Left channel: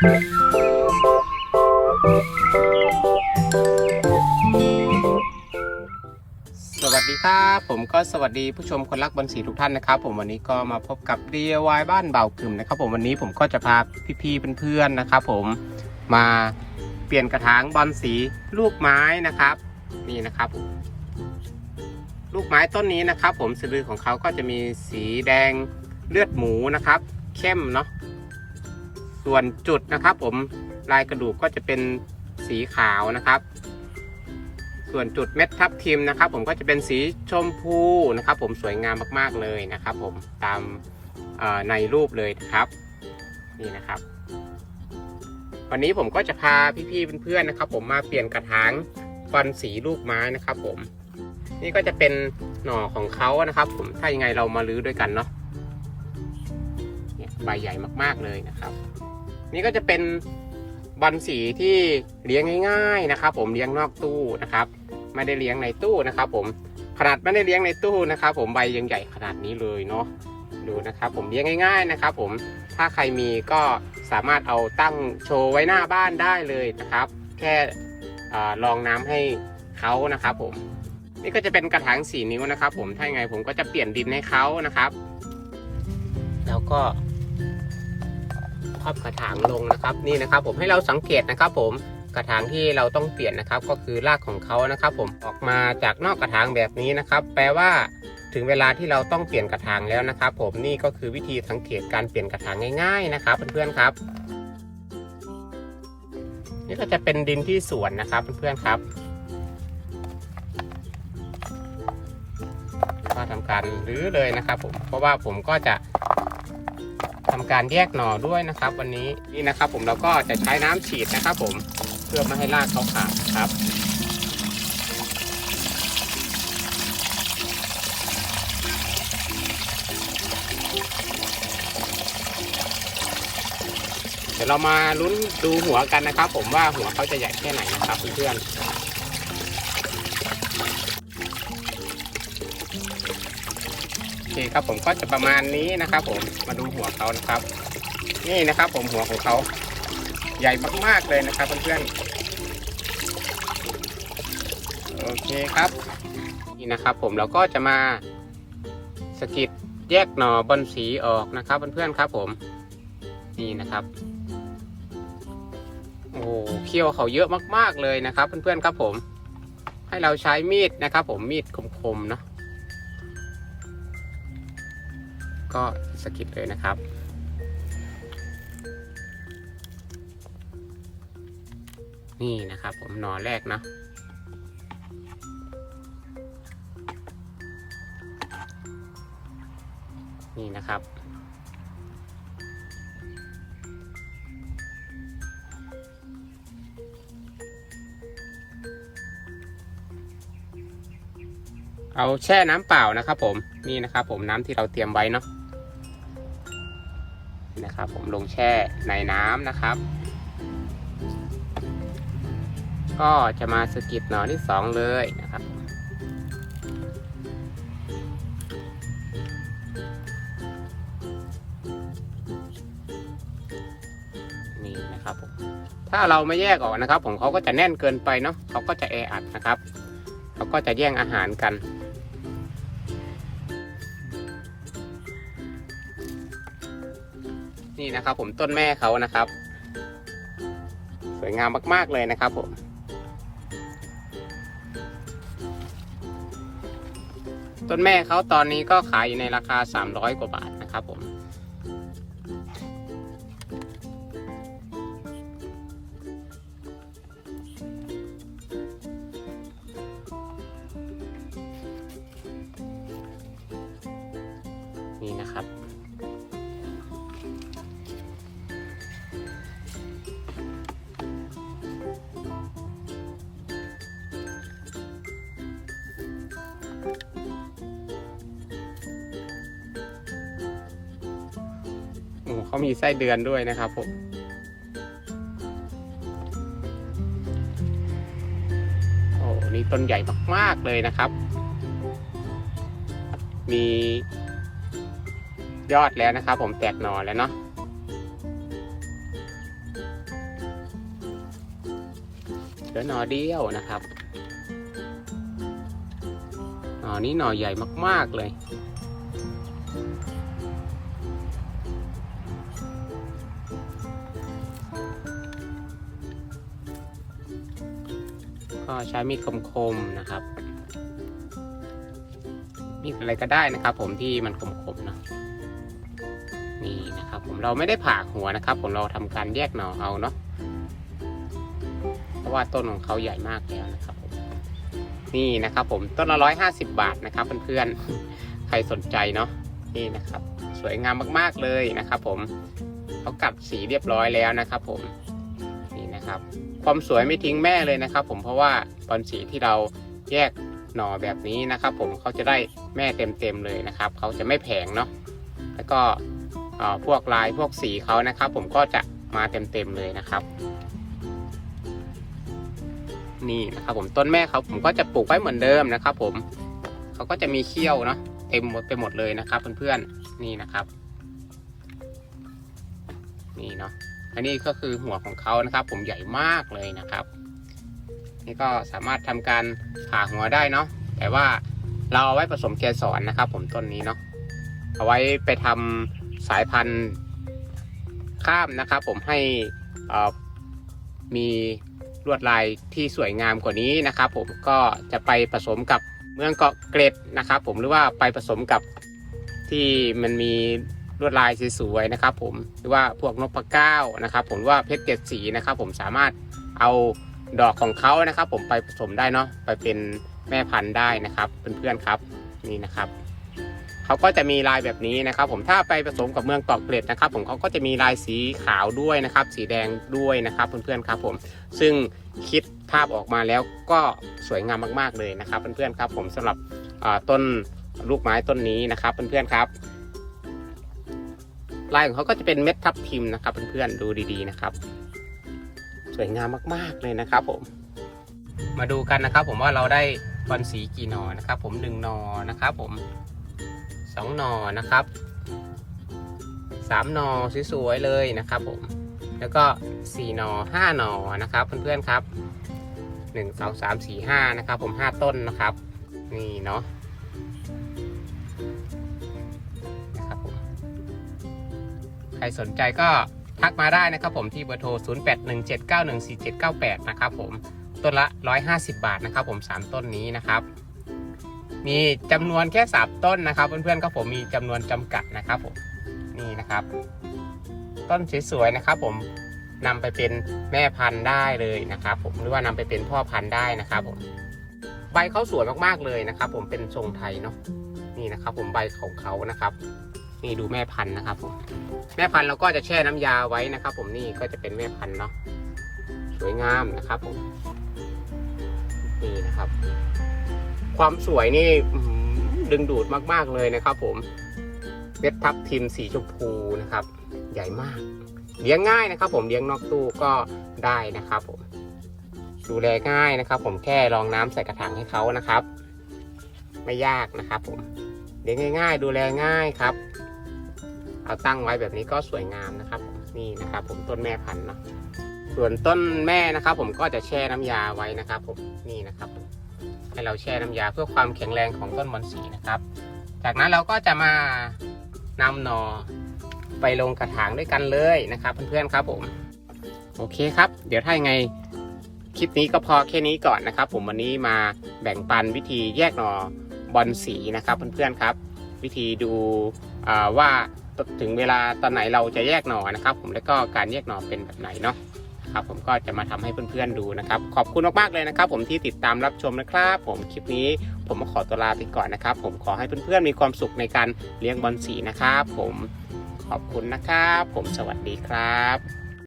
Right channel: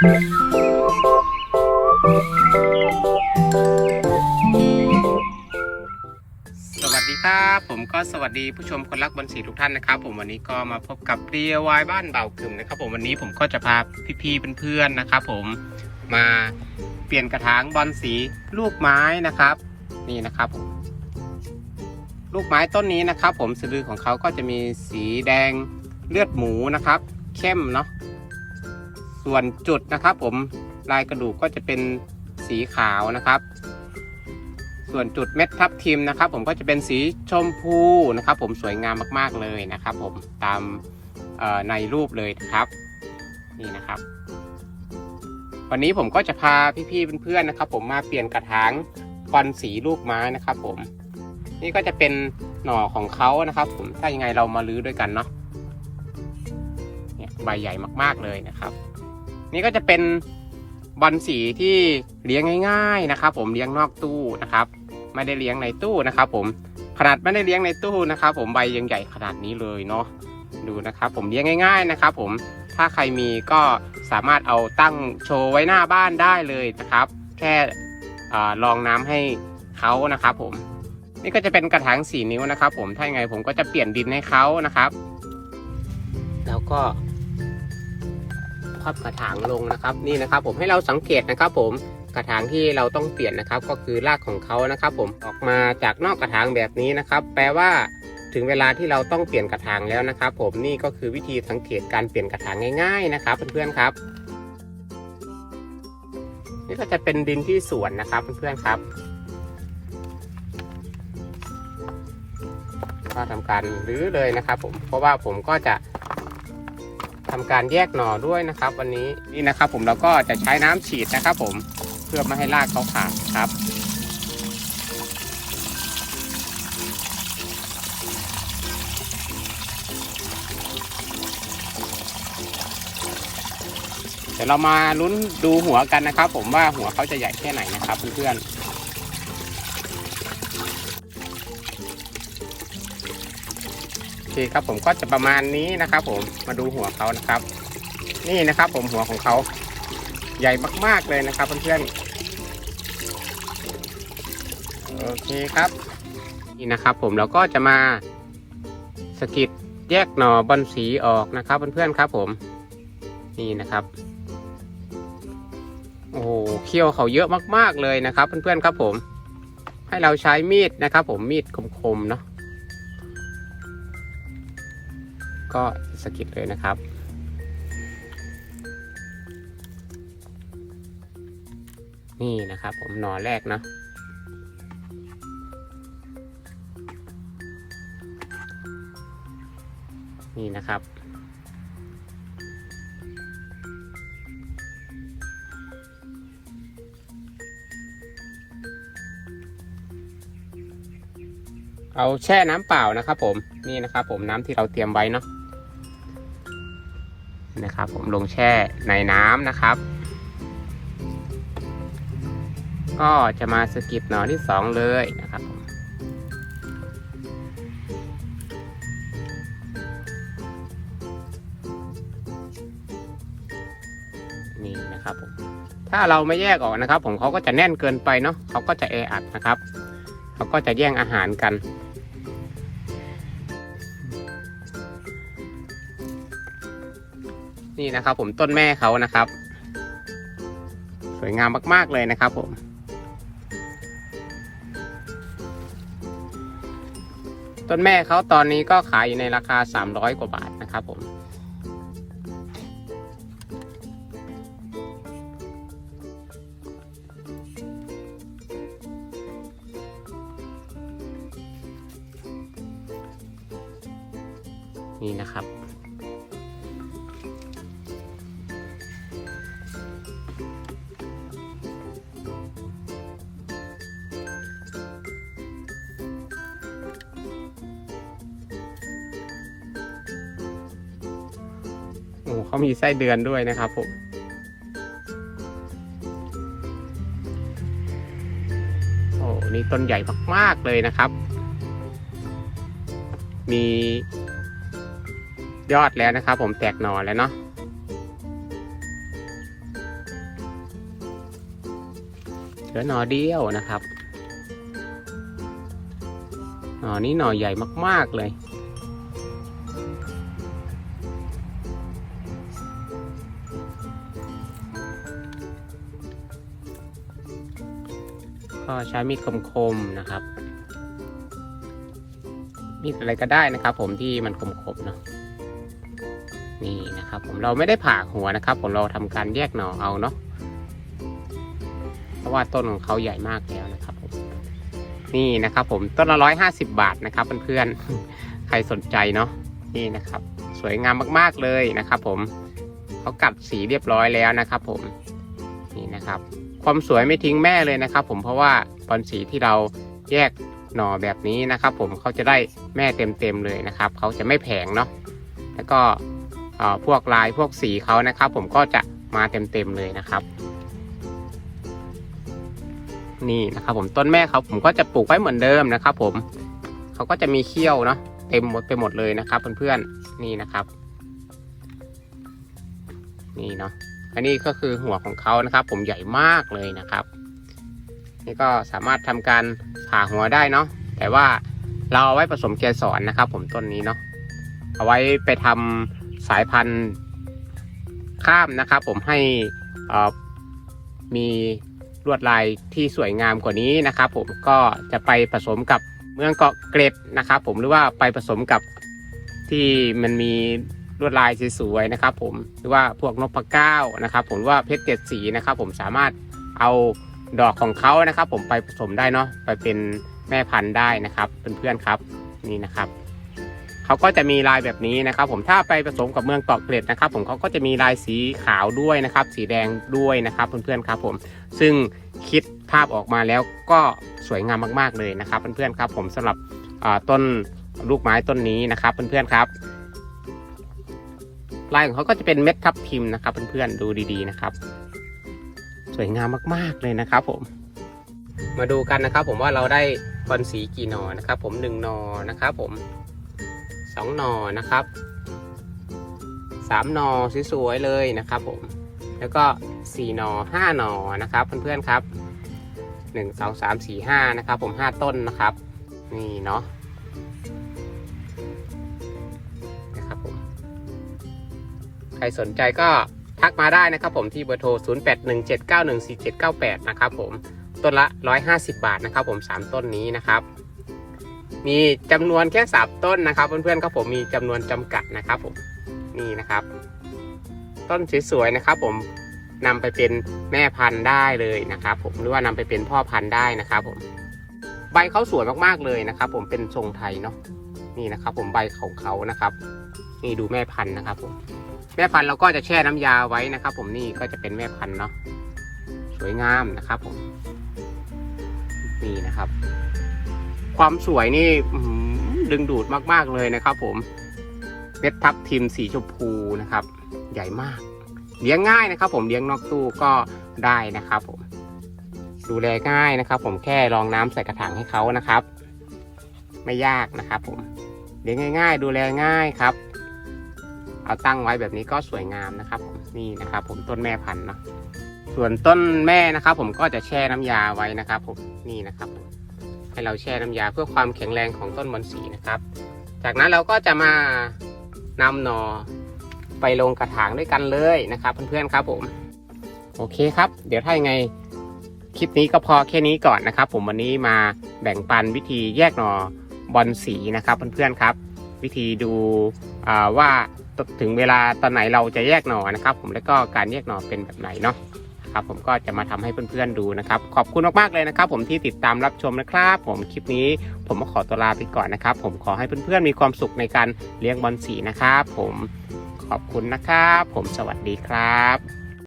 สวัสดีครับ ผมก็สวัสดีผู้ชมคนรักบอลสีทุกท่านนะครับ ผมวันนี้ก็มาพบกับ DIY บ้านเบากึ่มนะครับ ผมวันนี้ผมก็จะพาพี่ๆเพื่อนๆนะครับ ผมมาเปลี่ยนกระถางบอลสีลูกไม้นะครับ นี่นะครับผมลูกไม้ต้นนี้นะครับ ผมสะดือของเขาก็จะมีสีแดงเลือดหมูนะครับ เข้มเนาะ ส่วนจุดนะครับ ผมลายกระดูกก็จะเป็นสีขาวนะครับ ส่วนจุดเม็ดทับทิมนะครับ ผมก็จะเป็นสีชมพูนะครับ ผมสวยงามมากๆเลยนะครับ ผมตามในรูปเลยนะครับนี่นะครับ วันนี้ผมก็จะพาพี่ๆเพื่อนๆนะครับ ผมมาเปลี่ยนกระถางบอลสีลูกไม้นะครับ ผม นี่ก็จะเป็นหน่อของเขานะครับ ผมถ้ายังไงเรามาลื้อด้วยกันเนาะใบใหญ่มากๆเลยนะครับ นี่ก็จะเป็นบอลสีที่เลี้ยงง่ายๆนะครับ ผมเลี้ยงนอกตู้นะครับ ไม่ได้เลี้ยงในตู้นะครับ ผมขนาดไม่ได้เลี้ยงในตู้นะครับ ผมใบยังใหญ่ขนาดนี้เลยเนาะดูนะครับ ผมเลี้ยงง่าย ๆนะครับ ผมถ้าใครมีก็สามารถเอาตั้งโชว์ไว้หน้าบ้านได้เลยนะครับ แค่ลองน้ำให้เขานะครับ ผมนี่ก็จะเป็นกระถางสี่นิ้วนะครับ ผมถ้ายังไงผมก็จะเปลี่ยนดินให้เขานะครับ แล้วก็ พับกระถางลงนะครับนี่นะครับผมให้เราสังเกตนะครับผมกระถางที่เราต้องเปลี่ยนนะครับ ก็คือรากของเขานะครับ ผมออกมาจากนอกกระถางแบบนี้นะครับ แปลว่าถึงเวลาที่เราต้องเปลี่ยนกระถางแล้วนะครับ ผมนี่ก็คือวิธีสังเกตการเปลี่ยนกระถางง่าย ๆนะครับเพื่อนๆครับ นี่ก็จะเป็นดินที่สวนนะครับเพื่อนๆครับก็ทำการรื้อเลยนะครับ ผมเพราะว่าผมก็จะ ทำการแยกหน่อด้วยนะครับ วันนี้นี่นะครับ ผมเราก็จะใช้น้ำฉีดนะครับ ผมเพื่อไม่ให้รากเขาขาดครับเดี๋ยวเรามาลุ้นดูหัวกันนะครับ ผมว่าหัวเขาจะใหญ่แค่ไหนนะครับเพื่อนๆ โอเคครับผมก็จะประมาณนี้นะครับผมมาดูหัวเขานะครับ นี่นะครับผมหัวของเขาใหญ่มากๆเลยนะครับเพื่อนๆโอเคครับ นี่นะครับผมเราก็จะมาสกิดแยกหน่อบอลสีออกนะครับเพื่อนๆครับผมนี่นะครับโอ้โหเขี้ยวเขาเยอะมากๆเลยนะครับ เพื่อนๆครับผม ให้เราใช้มีดนะครับ ผมมีดคมๆเนาะ ก็สกิดเลยนะครับ นี่นะครับผมหน่อแรกเนาะนี่นะครับเอาแช่น้ำเปล่านะครับผมนี่นะครับผมน้ำที่เราเตรียมไว้เนาะ แช่ในน้ำนะครับ ก็จะมาสกิดหน่อที่สองเลยนะครับนี่นะครับผมถ้าเราไม่แยกออกนะครับ ผมเขาก็จะแน่นเกินไปเนาะเขาก็จะแออัดนะครับเขาก็จะแย่งอาหารกัน นี่นะครับ ผมต้นแม่เขานะครับ สวยงามมาก ๆ เลยนะครับผมต้นแม่เขาตอนนี้ก็ขายอยู่ในราคา 300 กว่าบาทนะครับผม เขามีไส้เดือนด้วยนะครับผมโอ้นี่ต้นใหญ่มากๆเลยนะครับ มียอดแล้วนะครับ ผมแตกหน่อแล้วเนาะเหลือหน่อเดียวนะครับหน่อนี้หน่อใหญ่มากๆเลย มีดคมๆนะครับมีดอะไรก็ได้นะครับ ผมที่มันคมๆเนาะนี่นะครับ ผมเราไม่ได้ผ่าหัวนะครับ ผมเราทำการแยกหน่อเอาเนาะเพราะว่าต้นของเขาใหญ่มากแล้วนะครับ นี่นะครับ ผมต้นละร้อยห้าสิบบาทนะครับเพื่อนๆใครสนใจเนาะนี่นะครับ สวยงามมากๆเลยนะครับ ผมเขากัดสีเรียบร้อยแล้วนะครับ ผมนี่นะครับ ความสวยไม่ทิ้งแม่เลยนะครับ ผมเพราะว่า บอลสีที่เราแยกหน่อแบบนี้นะครับ ผมเขาจะได้แม่เต็มๆเลยนะครับเขาจะไม่แผงเนาะแล้วก็พวกลายพวกสีเขานะครับ ผมก็จะมาเต็มๆเลยนะครับ นี่นะครับ ผมต้นแม่เขาผมก็จะปลูกไว้เหมือนเดิมนะครับ ผมเขาก็จะมีเขี้ยวเนาะเต็มหมดไปหมดเลยนะครับ เพื่อนๆนี่นะครับ นี่เนาะอันนี้ก็คือหัวของเขานะครับ ผมใหญ่มากเลยนะครับ นี่ก็สามารถทำการผ่าหัวได้เนาะแต่ว่าเราเอาไว้ผสมเกสรนะครับ ผมต้นนี้เนาะเอาไว้ไปทำสายพันธุ์ข้ามนะครับ ผมให้มีลวดลายที่สวยงามกว่านี้นะครับ ผมก็จะไปผสมกับเมืองเกาะเกร็ดนะครับ ผมหรือว่าไปผสมกับที่มันมีลวดลายสวยๆนะครับ ผมหรือว่าพวกนกปะเก้านะครับ ผมว่าเพชรเจ็ดสีนะครับ ผมสามารถเอา ดอกของเขานะครับ ผมไปผสมได้เนาะไปเป็นแม่พันธุ์ได้นะครับเพื่อนๆครับนี่นะครับเขาก็จะมีลายแบบนี้นะครับ ผมถ้าไปผสมกับเมืองเกเกร็ดนะครับ ผมเขาก็จะมีลายสีขาวด้วยนะครับ สีแดงด้วยนะครับเพื่อนๆครับ ผมซึ่งคิดภาพออกมาแล้วก็สวยงามมากๆเลยนะครับ เพื่อนๆครับ ผมสำหรับต้นลูกไม้ต้นนี้นะครับเพื่อนๆครับลายของเขาก็จะเป็นเม็ดทับทิมนะครับเพื่อนๆดูดีๆนะครับ วยงามมากๆเลยนะครับผม มาดูกันนะครับ ผมว่าเราได้บอลสีกี่หนอนะครับ ผมหนึ่งหนอนะครับผมสองหนอนะครับสามหนอสวยๆเลยนะครับผมแล้วก็สี่หนอห้าหนอนะครับ เพื่อนๆครับหนึ่งสองสามสี่ห้านะครับ ผมห้าต้นนะครับ นี่เนาะนะครับผมใครสนใจก็ ทักมาได้นะครับผมที่เบอร์โทร 0817914798 นะครับผมต้นละ 150 บาทนะครับผม 3 ต้นนี้นะครับ มีจำนวนแค่ 3 ต้นนะครับ เพื่อนๆครับผมมีจำนวนจำกัดนะครับผมนี่นะครับ ต้นสวยๆนะครับ ผมนำไปเป็นแม่พันธุ์ได้เลยนะครับ ผมหรือว่านำไปเป็นพ่อพันธุ์ได้นะครับผมใบเขาสวยมากๆเลยนะครับ ผมเป็นทรงไทยเนาะนี่นะครับ ผมใบของเขานะครับนี่ดูแม่พันธุ์นะครับ ผม แม่พันธุ์เราก็จะแช่น้ำยาไว้นะครับ ผมนี่ก็จะเป็นแม่พันธุ์เนาะสวยงามนะครับผมนี่นะครับ ความสวยนี่ดึงดูดมาก ๆเลยนะครับ ผมเม็ดทับทิมสีชมพูนะครับ ใหญ่มาก เลี้ยงง่ายนะครับ ผมเลี้ยงนอกตู้ก็ได้นะครับ ผม ดูแลง่ายนะครับ ผมแค่รองน้ำใส่กระถางให้เขานะครับ ไม่ยากนะครับ ผมเลี้ยงง่าย ๆ ดูแลง่ายครับ เอาตั้งไว้แบบนี้ก็สวยงามนะครับนี่นะครับ ผมต้นแม่พันธุ์นะส่วนต้นแม่นะครับ ผมก็จะแช่น้ำยาไว้นะครับ ผมนี่นะครับ ให้เราแช่น้ำยาเพื่อความแข็งแรงของต้นบอนสีนะครับ จากนั้นเราก็จะมานำหนอไปลงกระถางด้วยกันเลยนะครับ เพื่อนๆครับผมโอเคครับ เดี๋ยวถ้ายังไงคลิปนี้ก็พอแค่นี้ก่อนนะครับ ผมวันนี้มาแบ่งปันวิธีแยกหนอบอลสีนะครับเพื่อนๆครับ วิธีดูว่า ถึงเวลาตอนไหนเราจะแยกหน่อนะครับ ผมแล้วก็การแยกหน่อเป็นแบบไหนเนาะครับผมก็จะมาทำให้เพื่อนๆดูนะครับ ขอบคุณมากๆเลยนะครับ ผมที่ติดตามรับชมนะครับ ผมคลิปนี้ผมขอตัวลาไปก่อนนะครับ ผมขอให้เพื่อนๆมีความสุขในการเลี้ยงบอลสีนะครับ ผมขอบคุณนะครับ ผมสวัสดีครับ